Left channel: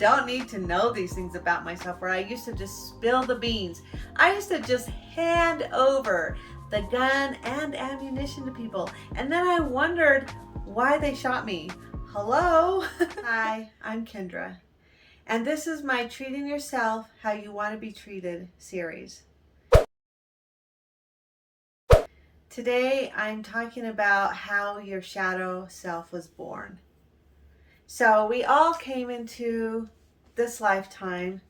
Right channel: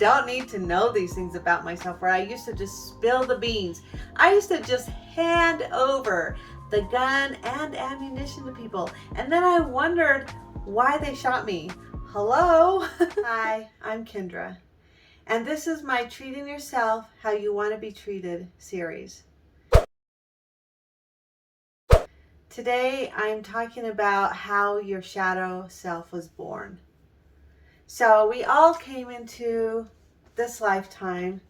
don't need to know these things about myself, where I used to just spill the beans. I used to just hand over the gun and ammunition to people. And then I wondered why they shot me. Hello? Hi, I'm Kendra. And this is my Treating Yourself How You Want to Be Treated series. Today I'm talking about how your shadow self was born. So we all came into this lifetime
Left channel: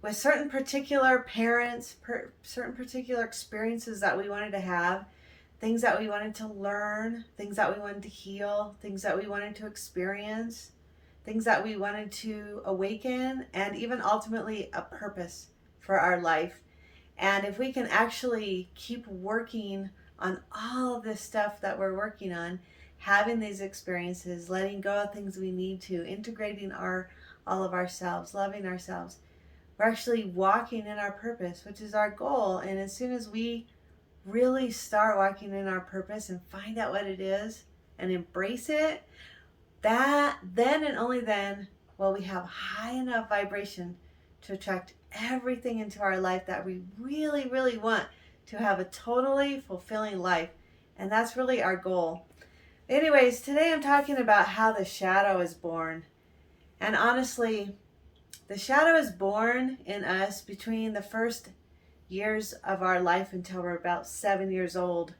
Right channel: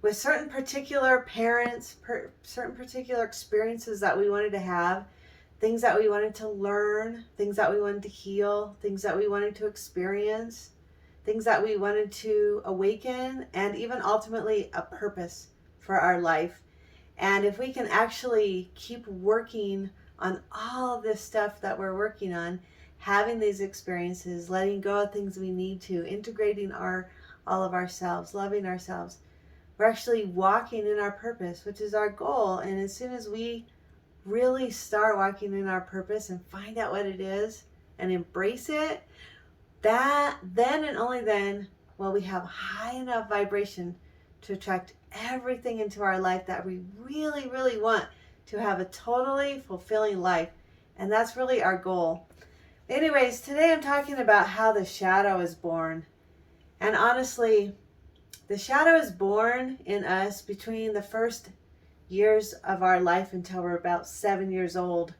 with certain particular parents, certain particular experiences that we wanted to have, things that we wanted to learn, things that we wanted to heal, things that we wanted to experience, things that we wanted to awaken, and even ultimately a purpose for our life. And if we can actually keep working on all of this stuff that we're working on, having these experiences, letting go of things we need to, integrating all of ourselves, loving ourselves, we're actually walking in our purpose, which is our goal. And as soon as we really start walking in our purpose and find out what it is and embrace it, that then and only then will we have high enough vibration to attract everything into our life that we really, really want, to have a totally fulfilling life. And that's really our goal. Anyways, today I'm talking about how the shadow is born. And honestly, the shadow is born in us between the first years of our life until we're about 7 years old.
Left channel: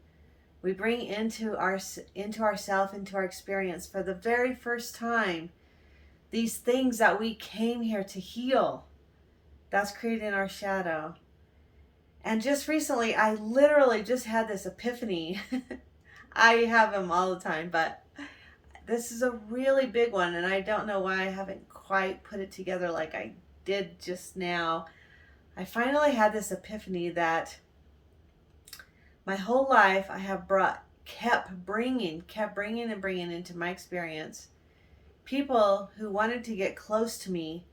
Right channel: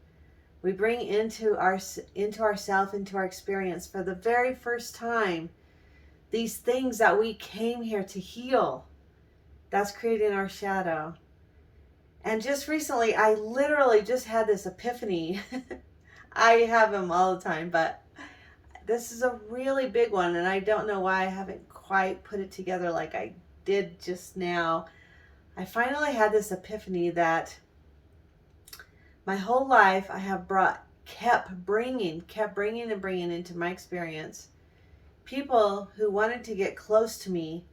We bring into ourself, into our experience for the very first time, these things that we came here to heal. That's creating our shadow. And just recently, I literally just had this epiphany. I have them all the time, but this is a really big one, and I don't know why I haven't quite put it together like I did just now. I finally had this epiphany that my whole life I have kept bringing into my experience people who wanted to get close to me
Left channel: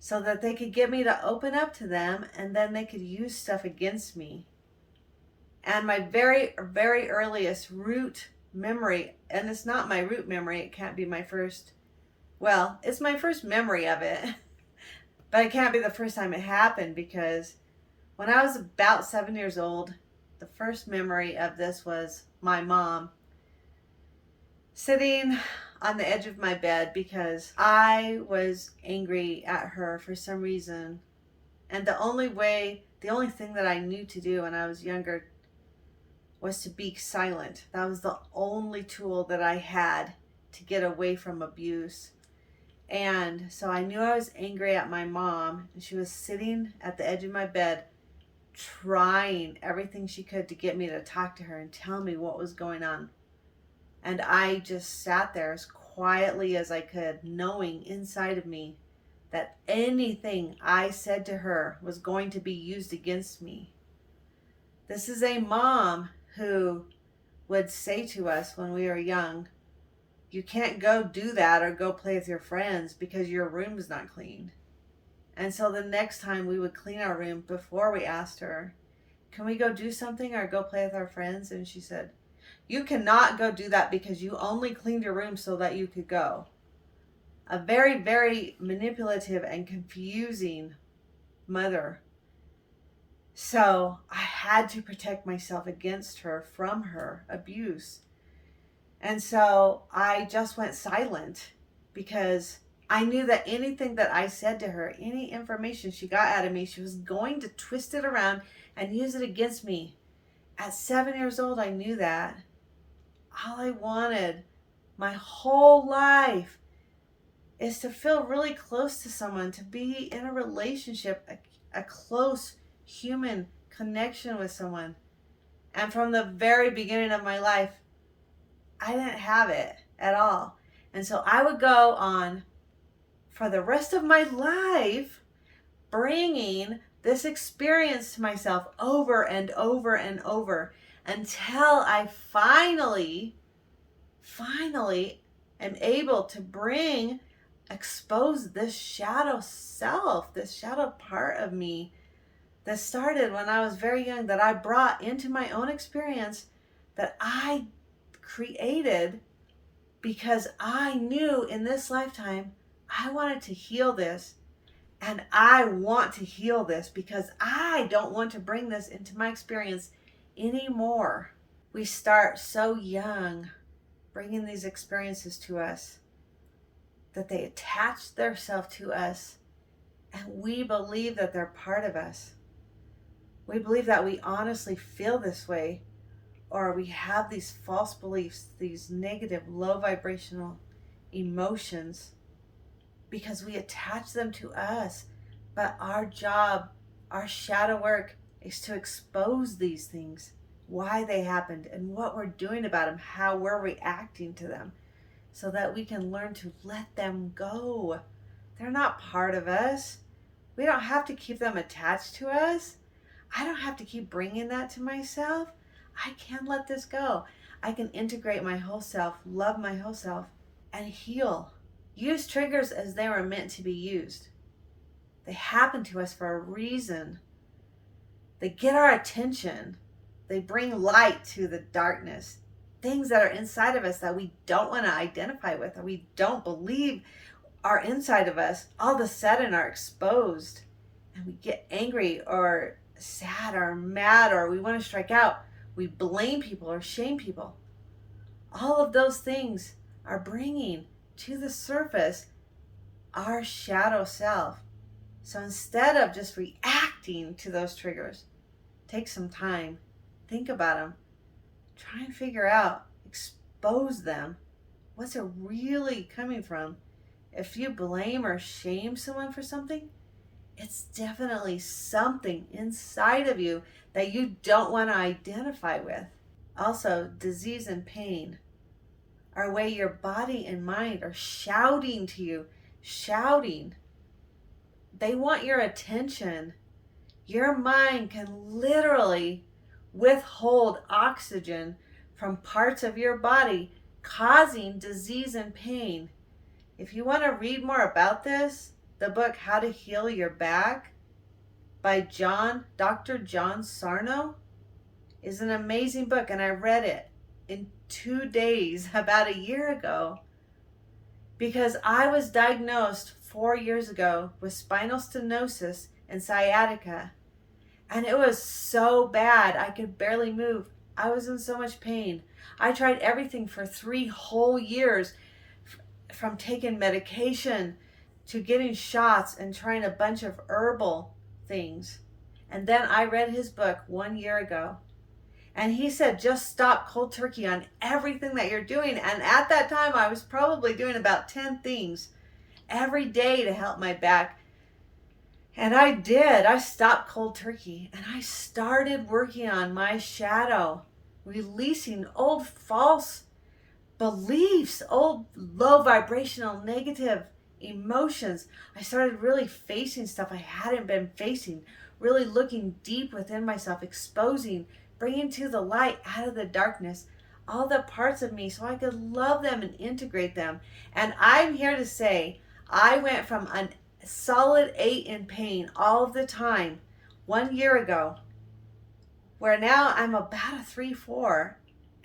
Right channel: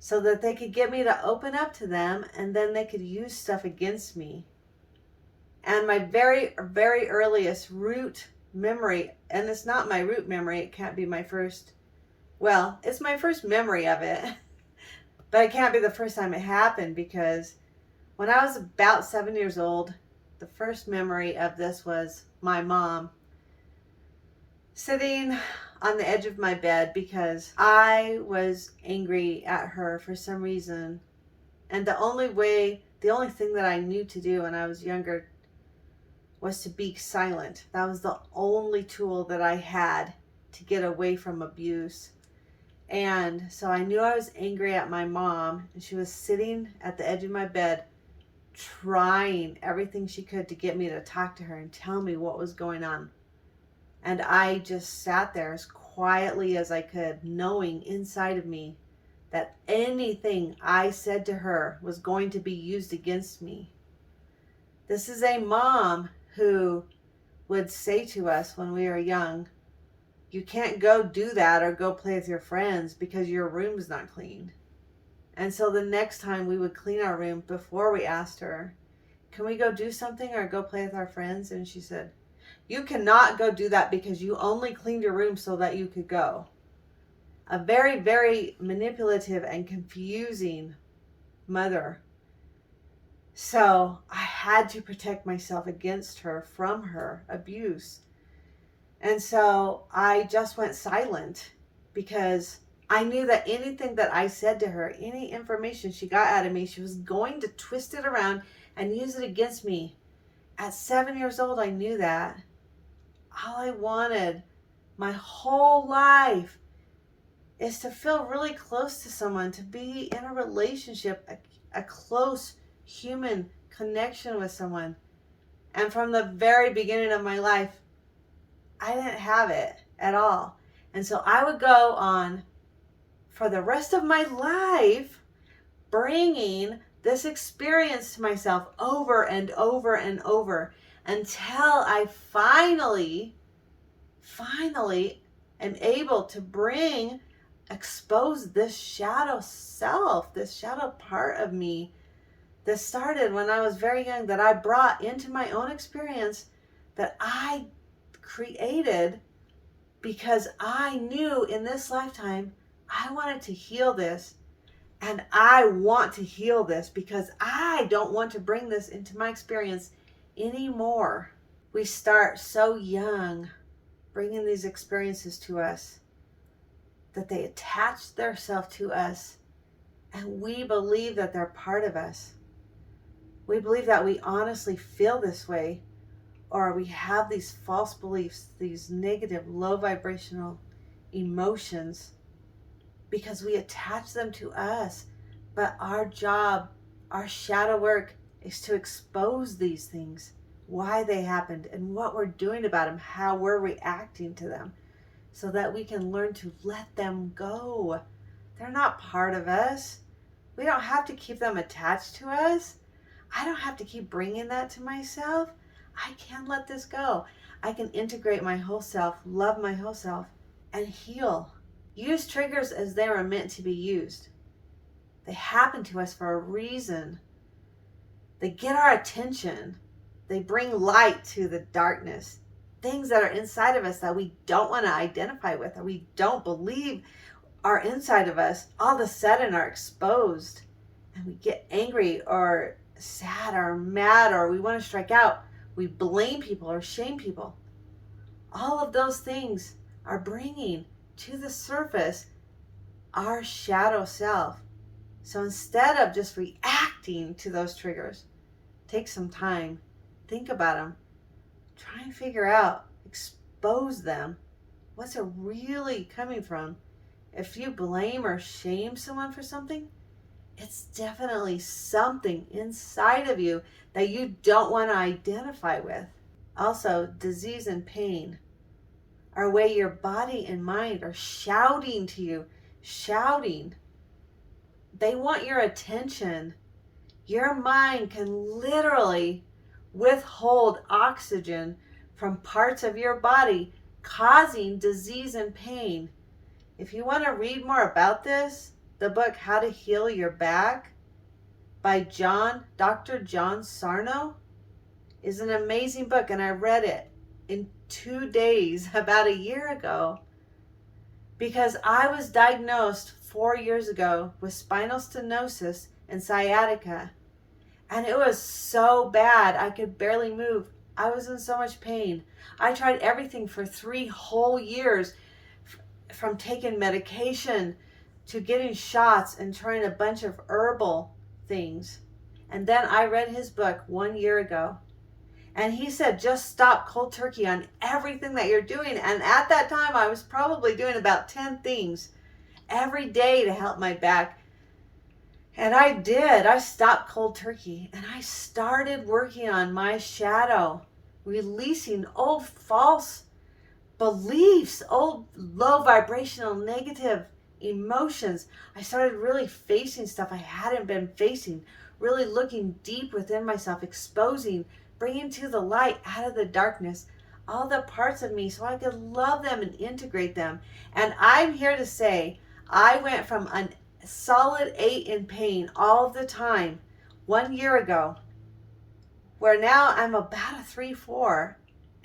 so that they could get me to open up to them, and then they could use stuff against me. And my very, very earliest root memory, and it's not my root memory, it can't be my first, well, it's my first memory of it, but it can't be the first time it happened, because when I was about 7 years old, the first memory of this was my mom sitting on the edge of my bed because I was angry at her for some reason. And the only thing that I knew to do when I was younger was to be silent. That was the only tool that I had to get away from abuse. And so I knew I was angry at my mom, and she was sitting at the edge of my bed trying everything she could to get me to talk to her and tell me what was going on. And I just sat there as quietly as I could, knowing inside of me that anything I said to her was going to be used against me. This is a mom who would say to us when we were young, you can't go do that or go play with your friends because your room's not clean. And so the next time we would clean our room, before we asked her, can we go do something or go play with our friends? And she said, you cannot go do that because you only cleaned your room so that you could go. A very, very manipulative and confusing mother. So I had to protect myself against her, from her abuse. And so I just went silent because I knew that anything that I said to her, any information she got out of me, she was going to twist it around and use it against me. At 7 years old, I knew that. All I wanted my whole life is to feel really close to someone, to be in a relationship, a close human connection with someone. And from the very beginning of my life, I didn't have it at all. And so I would go on for the rest of my life bringing this experience to myself over and over and over until I finally am able to expose this shadow self, this shadow part of me that started when I was very young, that I brought into my own experience, that I created because I knew in this lifetime I wanted to heal this, and I want to heal this because I don't want to bring this into my experience anymore. We start so young bringing these experiences to us that they attach themselves to us, and we believe that they're part of us. We believe that we honestly feel this way, or we have these false beliefs, these negative, low vibrational emotions, because we attach them to us. But our job, our shadow work, is to expose these things, why they happened, and what we're doing about them, how we're reacting to them, so that we can learn to let them go. They're not part of us. We don't have to keep them attached to us. I don't have to keep bringing that to myself. I can let this go. I can integrate my whole self, love my whole self, and heal. Use triggers as they were meant to be used. They happen to us for a reason. They get our attention. They bring light to the darkness. Things that are inside of us that we don't want to identify with, or we don't believe are inside of us, all of a sudden are exposed. And we get angry or sad or mad, or we want to strike out. We blame people or shame people. All of those things are bringing to the surface our shadow self. So instead of just reacting to those triggers, take some time, think about them, try and figure out, expose them. What's it really coming from? If you blame or shame someone for something, it's definitely something inside of you that you don't want to identify with. Also, disease and pain are a way your body and mind are shouting to you, shouting. They want your attention. Your mind can literally withhold oxygen from parts of your body, causing disease and pain. If you want to read more about this, the book How to Heal Your Back by Dr. John Sarno is an amazing book, and I read it in 2 days about a year ago because I was diagnosed 4 years ago with spinal stenosis and sciatica, and it was so bad I could barely move. I was in so much pain. I tried everything for 3 whole years, from taking medication to getting shots and trying a bunch of herbal things. And then I read his book 1 year ago, and he said, just stop cold turkey on everything that you're doing. And at that time, I was probably doing about 10 things every day to help my back. And I did. I stopped cold turkey, and I started working on my shadow, releasing old false beliefs, old low vibrational negative emotions. I started really facing stuff I hadn't been facing, really looking deep within myself, exposing, bringing to the light out of the darkness all the parts of me so I could love them and integrate them. And I'm here to say I went from a solid 8 in pain all the time 1 year ago, where now I'm about a 3-4,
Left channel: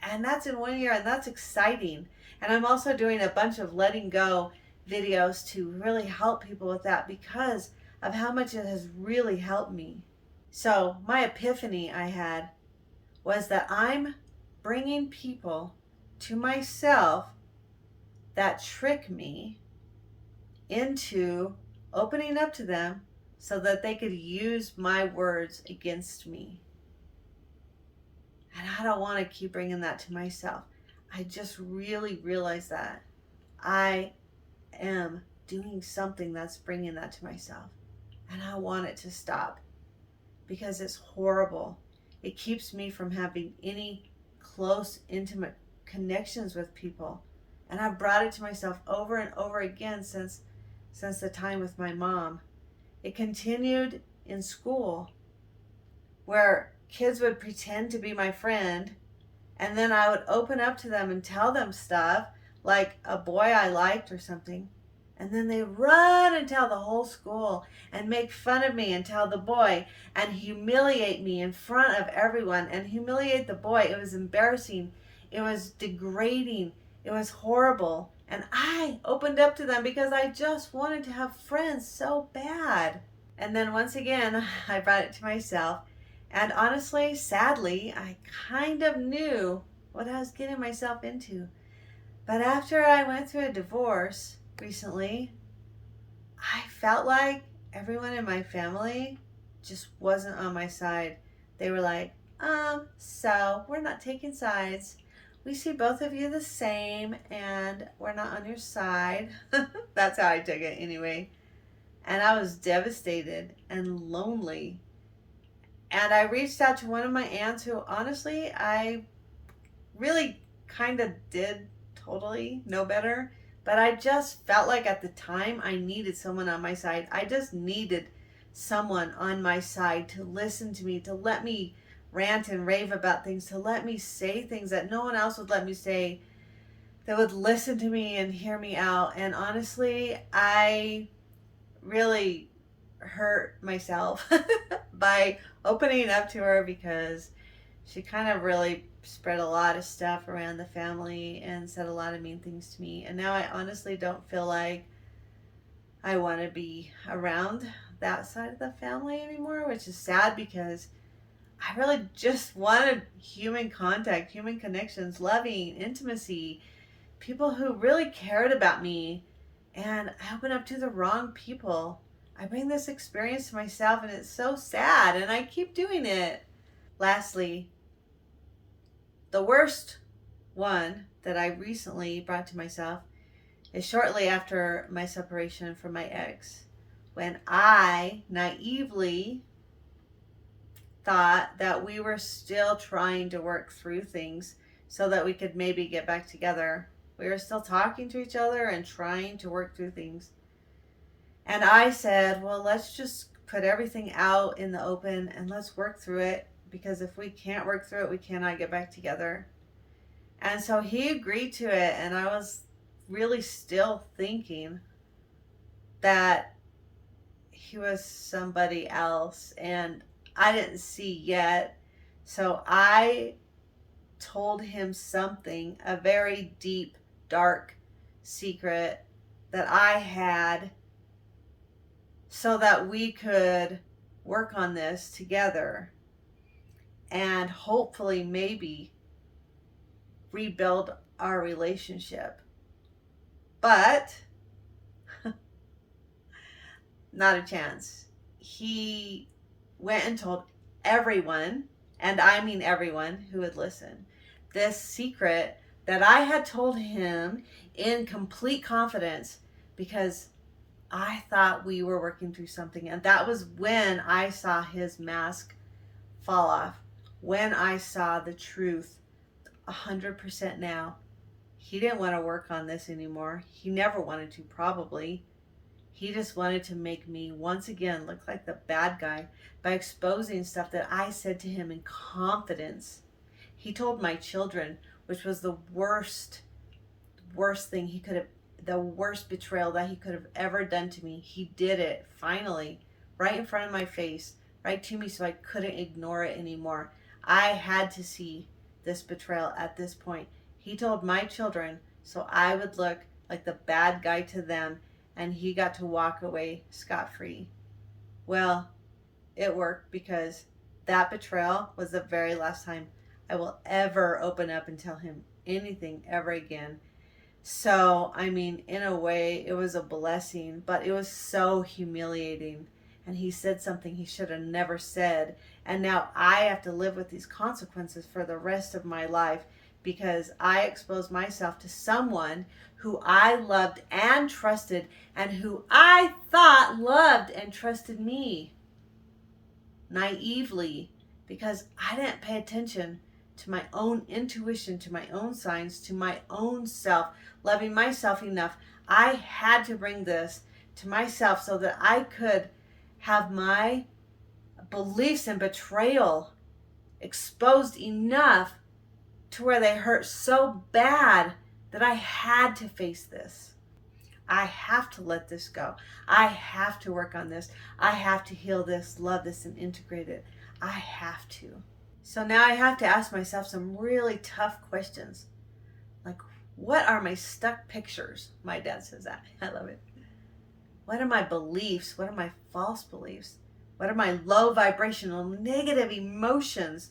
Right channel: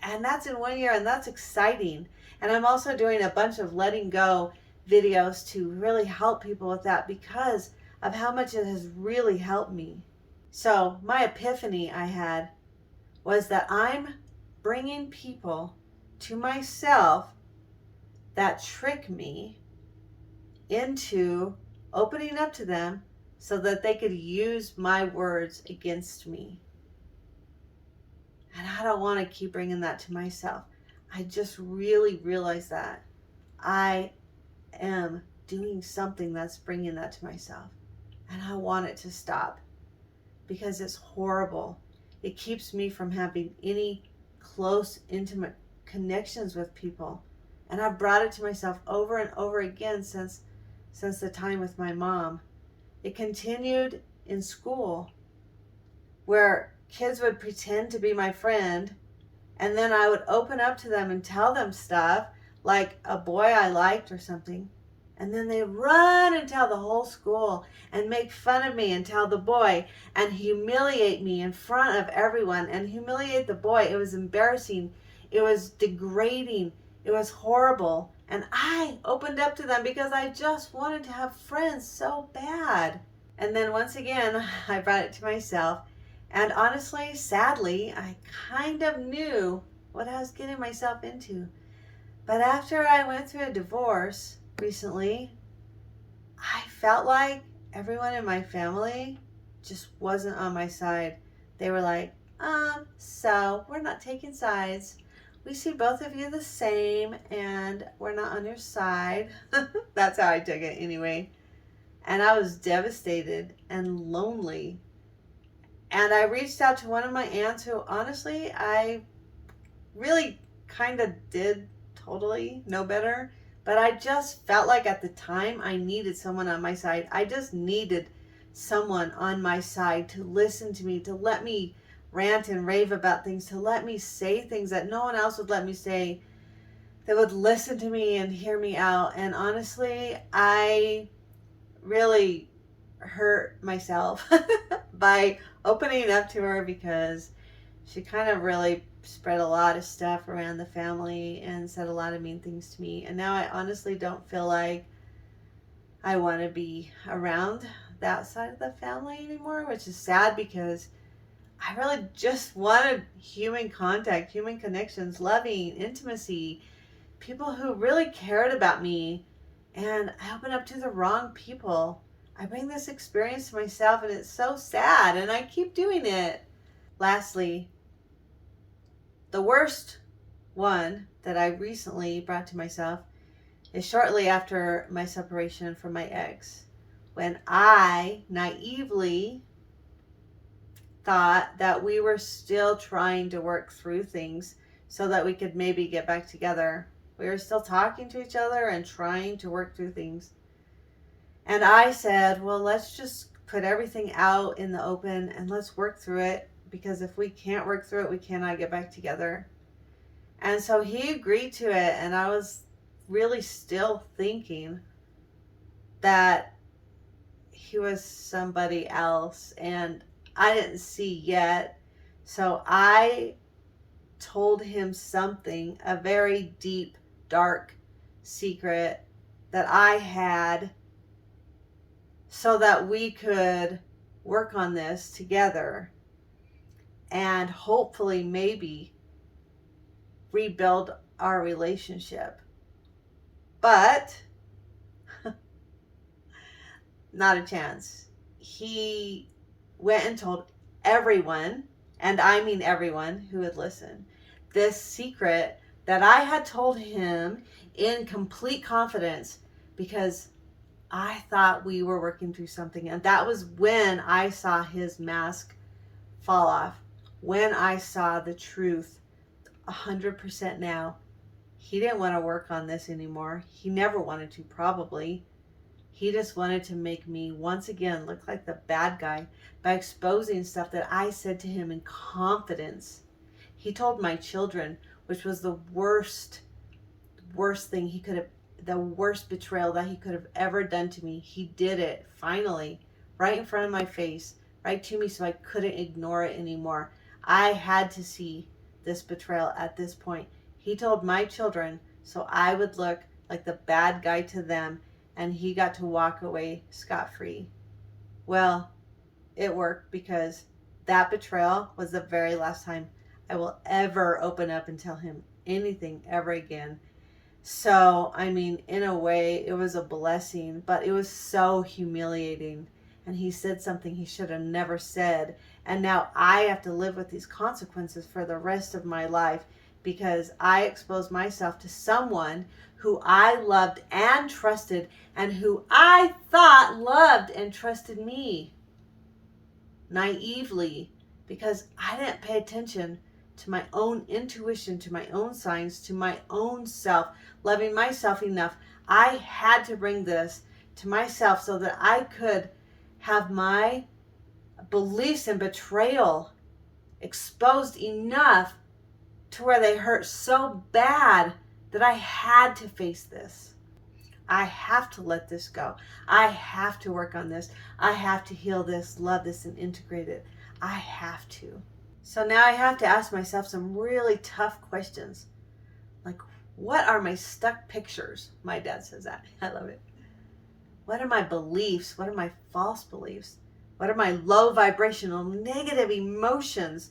and that's in 1 year, and that's exciting. And I'm also doing a bunch of letting go videos to really help people with that because of how much it has really helped me. So my epiphany I had was that I'm bringing people to myself that trick me into opening up to them so that they could use my words against me. And I don't want to keep bringing that to myself. I just really realized that I am doing something that's bringing that to myself. And I want it to stop because it's horrible. It keeps me from having any close, intimate connections with people. And I've brought it to myself over and over again since the time with my mom. It continued in school where kids would pretend to be my friend, and then I would open up to them and tell them stuff like a boy I liked or something. And then they run and tell the whole school and make fun of me and tell the boy and humiliate me in front of everyone and humiliate the boy. It was embarrassing. It was degrading. It was horrible. And I opened up to them because I just wanted to have friends so bad. And then once again, I brought it to myself. And honestly, sadly, I kind of knew what I was getting myself into. But after I went through a divorce recently, I felt like everyone in my family just wasn't on my side. They were like, so we're not taking sides. We see both of you the same and we're not on your side. That's how I took it anyway. And I was devastated and lonely. And I reached out to one of my aunts who honestly, I really kind of did totally know better. But I just felt like at the time I needed someone on my side. I just needed someone on my side to listen to me, to let me rant and rave about things, to let me say things that no one else would let me say, that would listen to me and hear me out. And honestly, I really hurt myself by opening up to her because she kind of really spread a lot of stuff around the family and said a lot of mean things to me. And now I honestly don't feel like I want to be around that side of the family anymore, which is sad because I really just wanted human contact, human connections, loving, intimacy, people who really cared about me. And I opened up to the wrong people. I bring this experience to myself and it's so sad and I keep doing it. Lastly, the worst one that I recently brought to myself is shortly after my separation from my ex, when I naively thought that we were still trying to work through things so that we could maybe get back together. We were still talking to each other and trying to work through things. And I said, well, let's just put everything out in the open and let's work through it, because if we can't work through it, we cannot get back together. And so he agreed to it, and I was really still thinking that he was somebody else, and I didn't see yet. So I told him something, a very deep, dark secret that I had, so that we could work on this together and hopefully maybe rebuild our relationship. But not a chance. He went and told everyone, and I mean everyone who would listen, this secret that I had told him in complete confidence because I thought we were working through something. And that was when I saw his mask fall off, when I saw the truth 100% now. He didn't want to work on this anymore. He never wanted to, probably. He just wanted to make me once again look like the bad guy by exposing stuff that I said to him in confidence. He told my children, which was the worst thing he could have, the worst betrayal that he could have ever done to me. He did it finally, right in front of my face, right to me, so I couldn't ignore it anymore. I had to see this betrayal at this point. He told my children so I would look like the bad guy to them, and he got to walk away scot-free. Well, it worked, because that betrayal was the very last time I will ever open up and tell him anything ever again. So, I mean, in a way, it was a blessing, but it was so humiliating. And he said something he should have never said. And now I have to live with these consequences for the rest of my life, because I exposed myself to someone who I loved and trusted, and who I thought loved and trusted me naively, because I didn't pay attention to my own intuition, to my own signs, to my own self, loving myself enough. I had to bring this to myself so that I could have my beliefs in betrayal exposed enough to where they hurt so bad that I had to face this. I have to let this go. I have to work on this. I have to heal this, love this, and integrate it. I have to. So now I have to ask myself some really tough questions. Like, What are my stuck pictures? My dad says that. I love it. What are my beliefs? What are my false beliefs? What are my low vibrational negative emotions?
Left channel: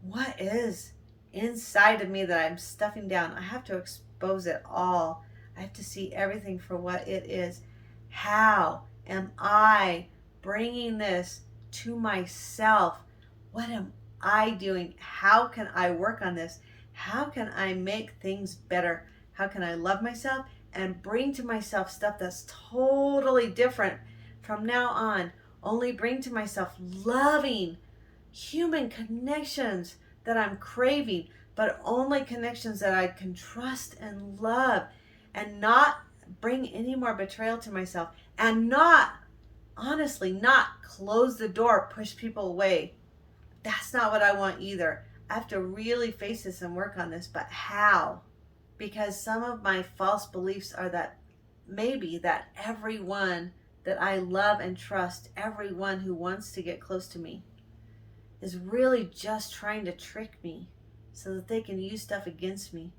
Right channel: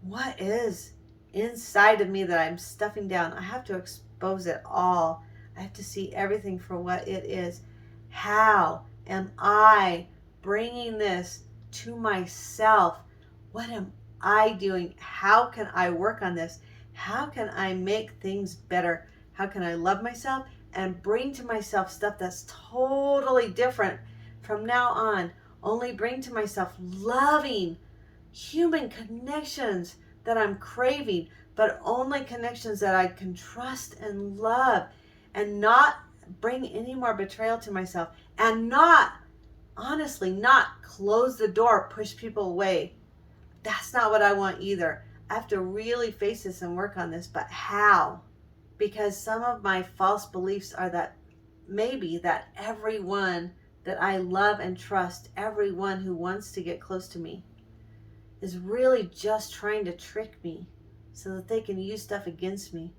What is inside of me that I'm stuffing down? I have to expose it all. I have to see everything for what it is. How am I bringing this to myself? What am I doing? How can I work on this? How can I make things better? How can I love myself and bring to myself stuff that's totally different from now on? Only bring to myself loving human connections that I'm craving, but only connections that I can trust and love, and not bring any more betrayal to myself, and not, honestly, not close the door, push people away. That's not what I want either. I have to really face this and work on this, but how? Because some of my false beliefs are that maybe that everyone that I love and trust, everyone who wants to get close to me, is really just trying to trick me so that they can use stuff against me.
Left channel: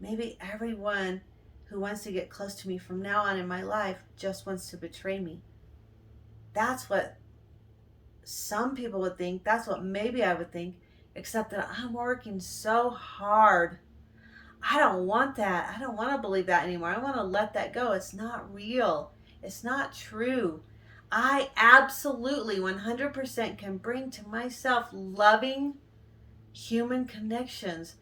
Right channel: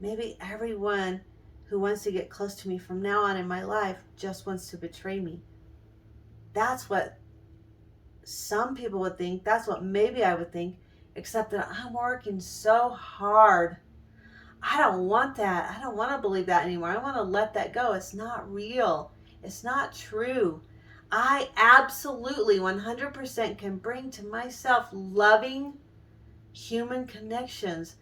Maybe everyone who wants to get close to me from now on in my life just wants to betray me. That's what some people would think. That's what maybe I would think, except that I'm working so hard. I don't want that. I don't want to believe that anymore. I want to let that go. It's not real. It's not true. I absolutely 100% can bring to myself loving human connections,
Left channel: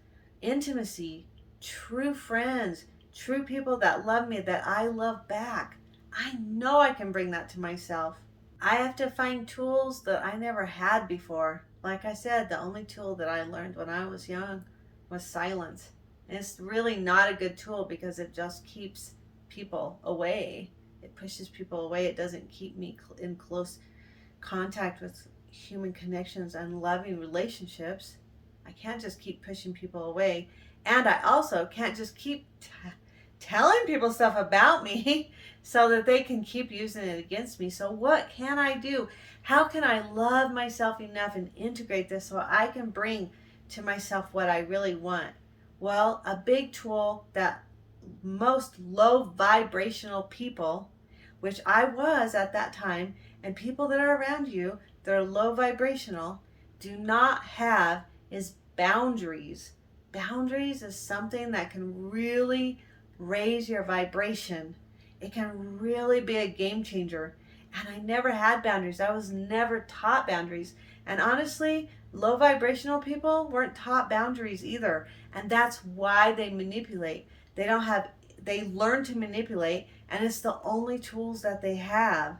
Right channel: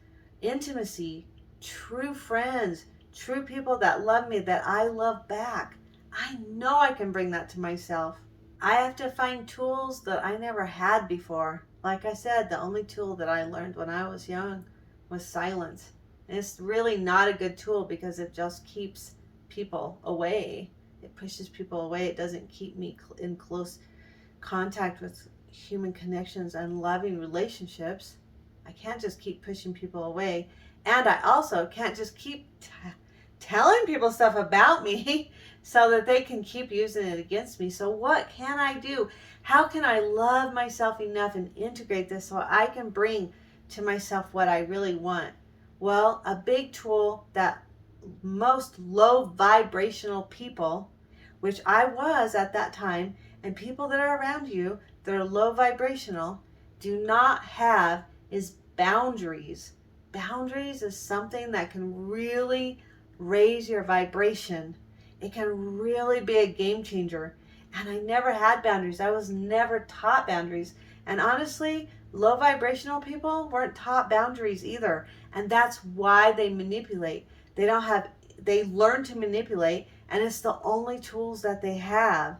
intimacy, true friends, true people that love me, that I love back. I know I can bring that to myself. I have to find tools that I never had before. Like I said, the only tool that I learned when I was young was silence. And it's really not a good tool because it just keeps people away. It pushes people away. It doesn't keep me in close contact with human connections and loving relationships. I can't just keep pushing people away. And I also can't just keep telling people stuff about me so that they can keep using it against me. So what can I do? How can I love myself enough and integrate this so I can bring to myself what I really want? Well, a big tool that most low vibrational people, which I was at that time, and people that are around you that are low vibrational, do not have is boundaries. Boundaries is something that can really raise your vibration. It can really be a game changer. And I never had boundaries. I was never taught boundaries. And honestly, low vibrational people weren't taught boundaries either. And that's why they manipulate. They learn to manipulate, and it's the only tools that they have.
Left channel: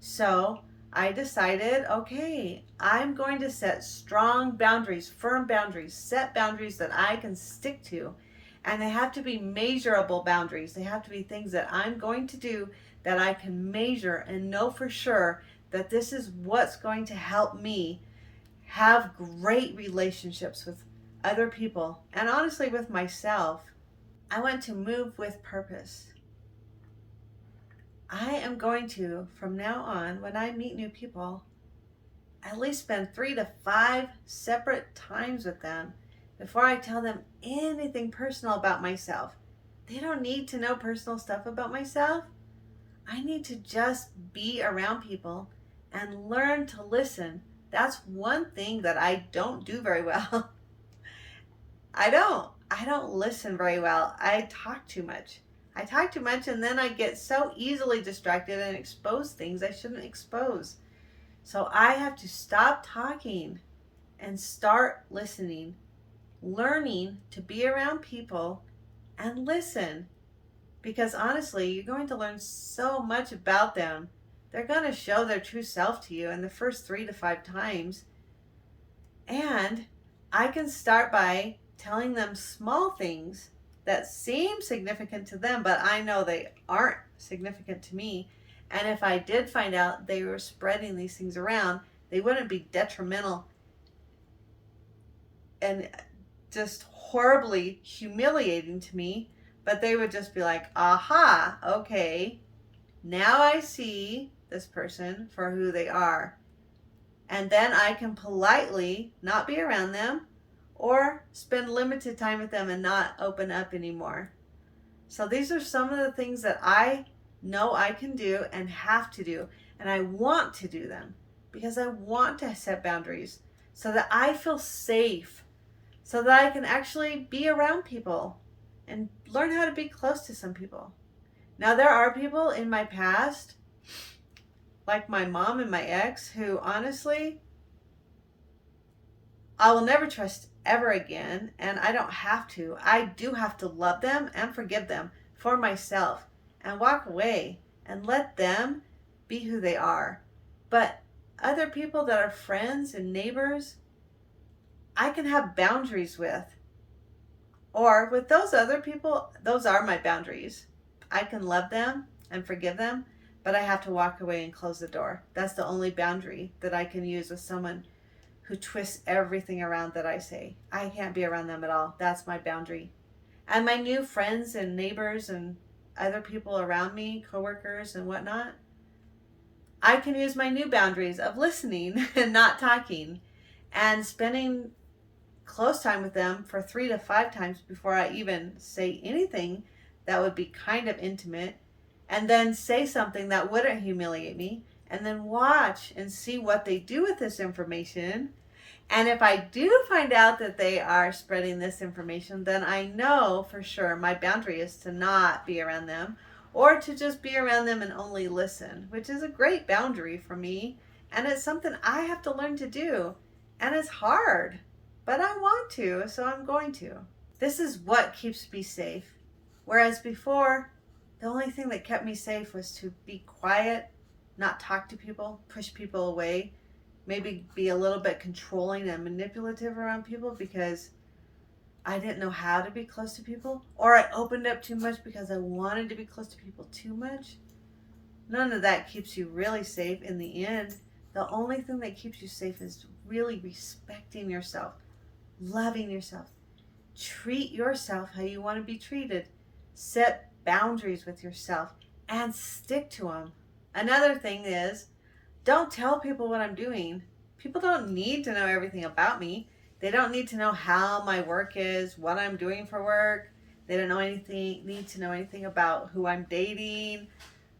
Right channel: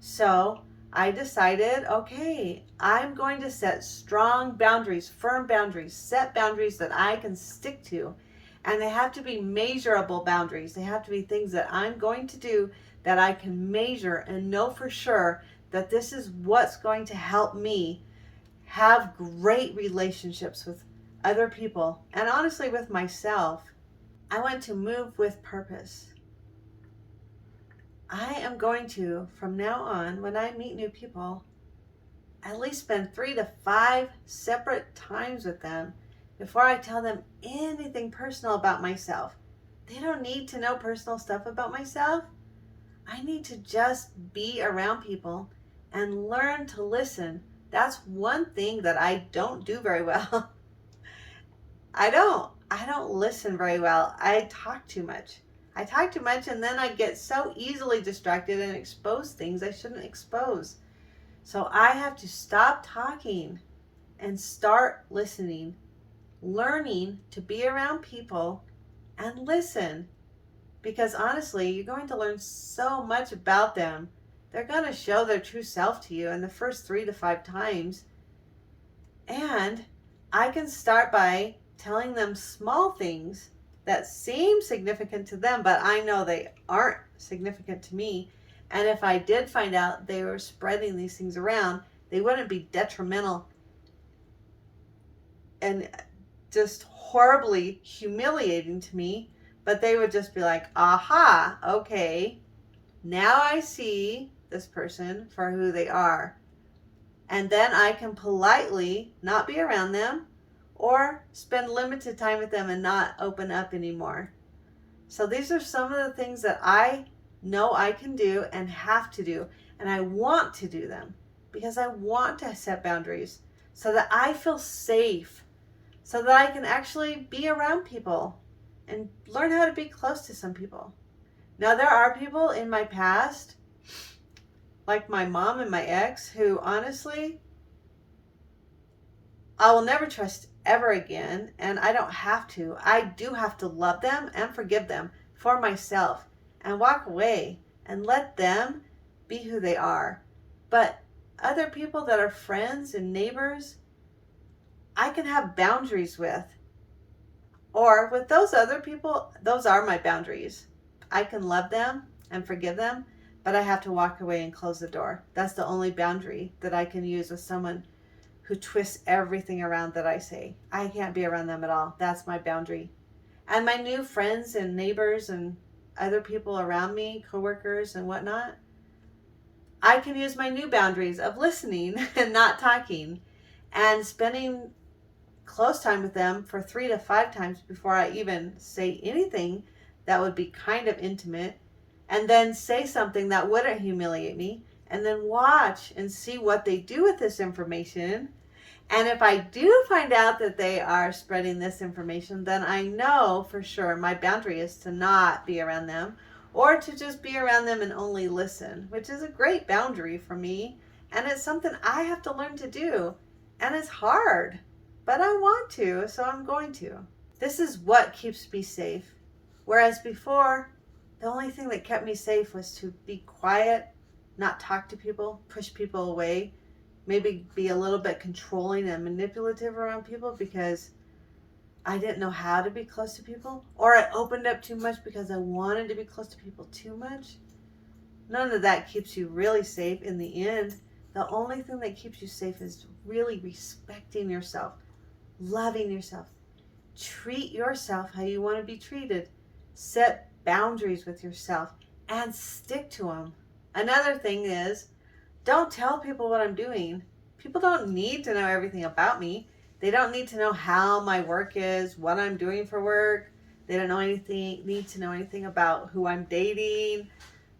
So I decided, okay, I'm going to set strong boundaries, firm boundaries, set boundaries that I can stick to. And they have to be measurable boundaries. They have to be things that I'm going to do that I can measure and know for sure that this is what's going to help me have great relationships with other people, and honestly with myself. I want to move with purpose. I am going to, from now on, when I meet new people, at least spend 3 to 5 separate times with them before I tell them anything personal about myself. They don't need to know personal stuff about myself. I need to just be around people and learn to listen. That's one thing that I don't do very well. I don't listen very well. I talk too much. And then I get so easily distracted and expose things I shouldn't expose. So I have to stop talking and start listening, learning to be around people and listen. Because honestly, you're going to learn so much about them. They're going to show their true self to you in the first 3 to 5 times. And I can start by telling them small things that seem significant to them, but I know they aren't significant to me. And if I did find out they were spreading these things around, they wouldn't be detrimental and just horribly humiliating to me, but they would just be like, aha, okay, now I see this person for who they are. And then I can politely not be around them, or spend limited time with them and not open up anymore. So these are some of the things that I know I can do and have to do, and I want to do them because I want to set boundaries so that I feel safe, so that I can actually be around people and learn how to be close to some people. Now, there are people in my past, like my mom and my ex, who honestly, I will never trust ever again, and I don't have to. I do have to love them and forgive them for myself and walk away and let them be who they are. But other people that are friends and neighbors, I can have boundaries with. Or with those other people, those are my boundaries. I can love them and forgive them, but I have to walk away and close the door. That's the only boundary that I can use with someone who twists everything around that I say. I can't be around them at all. That's my boundary. And my new friends and neighbors and other people around me, coworkers and whatnot, I can use my new boundaries of listening and not talking and spending close time with them for 3 to 5 times before I even say anything that would be kind of intimate, and then say something that wouldn't humiliate me, and then watch and see what they do with this information. And if I do find out that they are spreading this information, then I know for sure my boundary is to not be around them, or to just be around them and only listen, which is a great boundary for me. And it's something I have to learn to do. And it's hard, but I want to, so I'm going to. This is what keeps me safe. Whereas before, the only thing that kept me safe was to be quiet, not talk to people, push people away, maybe be a little bit controlling and manipulative around people because I didn't know how to be close to people, or I opened up too much because I wanted to be close to people too much. None of that keeps you really safe in the end. The only thing that keeps you safe is really respecting yourself, loving yourself. Treat yourself how you want to be treated. Set boundaries with yourself and stick to them. Another thing is, don't tell people what I'm doing. People don't need to know everything about me. They don't need to know how my work is, what I'm doing for work. They don't need to know anything about who I'm dating,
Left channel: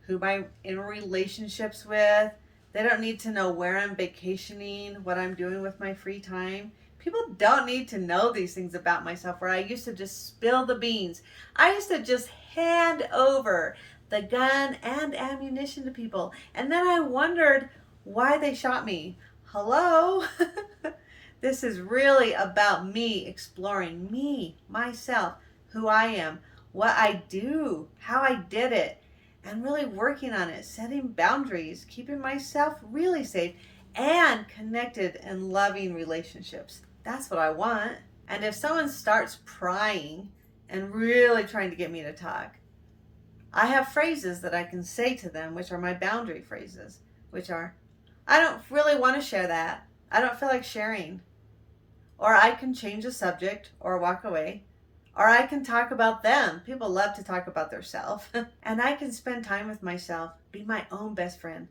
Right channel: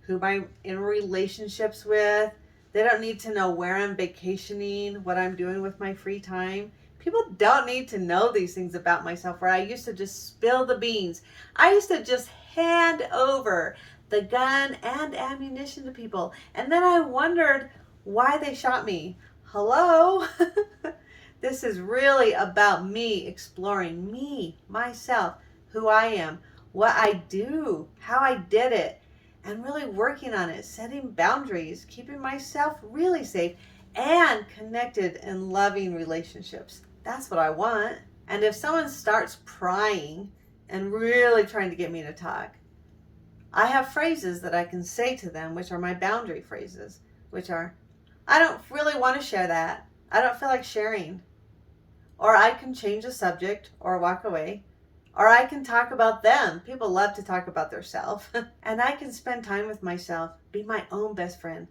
who I'm in relationships with. They don't need to know where I'm vacationing, what I'm doing with my free time. People don't need to know these things about myself, where I used to just spill the beans. I used to just hand over the gun and ammunition to people. And then I wondered why they shot me. Hello? This is really about me exploring me, myself, who I am, what I do, how I did it, and really working on it, setting boundaries, keeping myself really safe, and connected and loving relationships. That's what I want. And if someone starts prying and really trying to get me to talk, I have phrases that I can say to them, which are my boundary phrases, which are, I don't really want to share that. I don't feel like sharing. Or I can change the subject or walk away. Or I can talk about them. People love to talk about themselves. And I can spend time with myself, be my own best friend.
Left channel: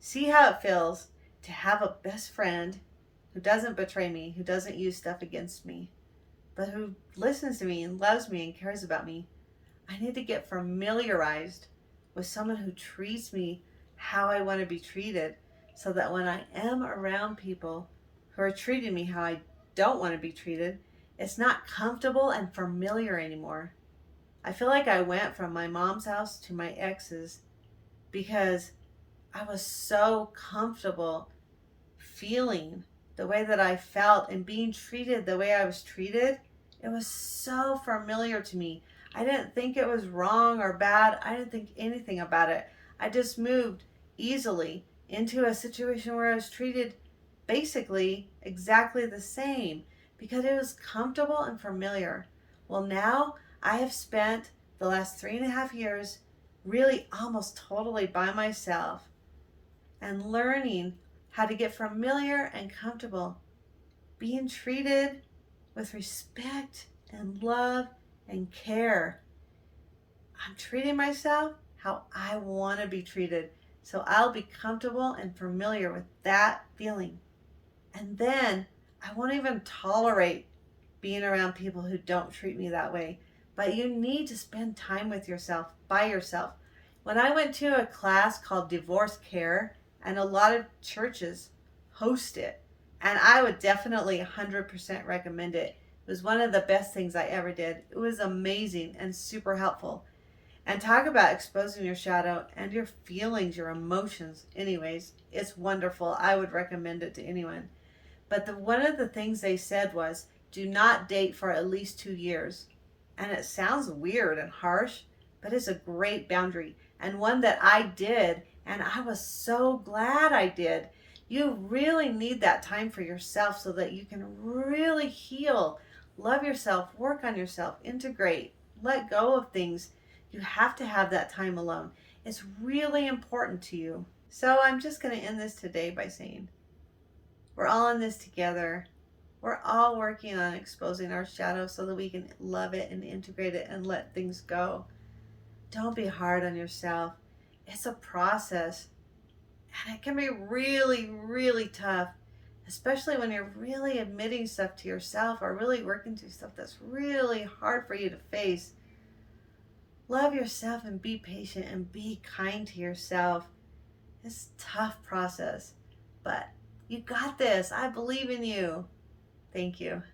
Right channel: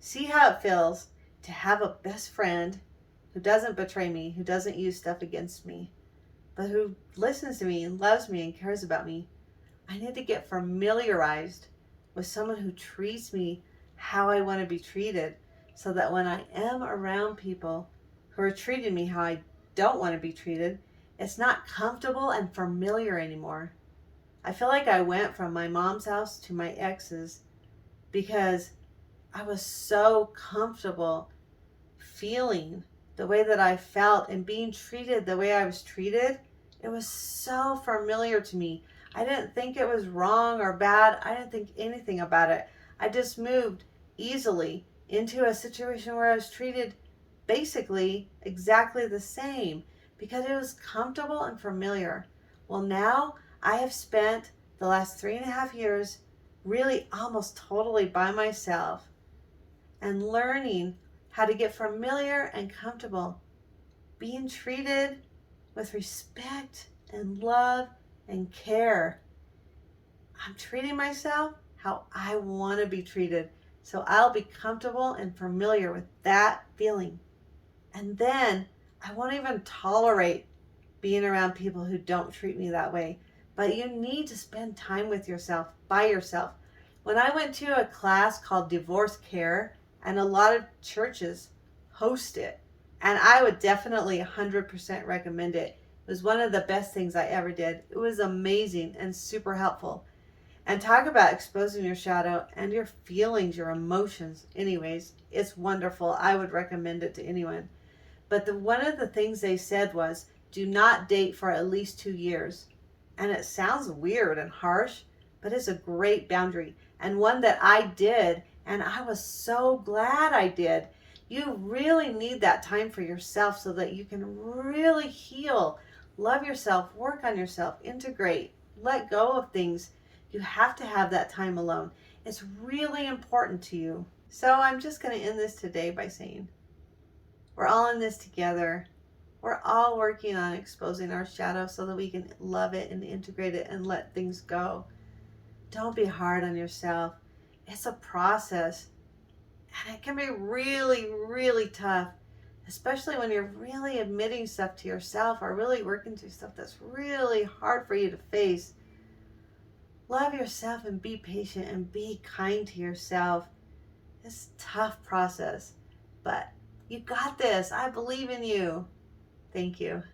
See how it feels to have a best friend who doesn't betray me, who doesn't use stuff against me, but who listens to me and loves me and cares about me. I need to get familiarized with someone who treats me how I want to be treated, so that when I am around people who are treating me how I don't want to be treated, it's not comfortable and familiar anymore. I feel like I went from my mom's house to my ex's because I was so comfortable feeling the way that I felt and being treated the way I was treated. It was so familiar to me. I didn't think it was wrong or bad. I didn't think anything about it. I just moved easily into a situation where I was treated basically exactly the same because it was comfortable and familiar. Well, now I have spent the last 3.5 years really almost totally by myself and learning how to get familiar and comfortable being treated with respect and love and care. I'm treating myself how I want to be treated, so I'll be comfortable and familiar with that feeling. And then I won't even tolerate being around people who don't treat me that way. But you need to spend time with yourself, by yourself. When I went to a class called Divorce Care, and a lot of churches host it, and I would definitely 100% recommend it. It was one of the best things I ever did. It was amazing and super helpful. And talk about exposing your shadow and your feelings, your emotions. Anyways, it's wonderful. I would recommend it to anyone. But one of the things they said was, do not date for at least 2 years. And it sounds weird and harsh, but it's a great boundary, and one that I did, and I was so glad I did. You really need that time for yourself so that you can really heal, love yourself, work on yourself, integrate, let go of things. You have to have that time alone. It's really important to you. So I'm just going to end this today by saying, we're all in this together. We're all working on exposing our shadow so that we can love it and integrate it and let things go. Don't be hard on yourself. It's a process, and it can be really, really tough, especially when you're really admitting stuff to yourself or really working through stuff that's really hard for you to face. Love yourself and be patient and be kind to yourself. It's a tough process, but you got this. I believe in you. Thank you.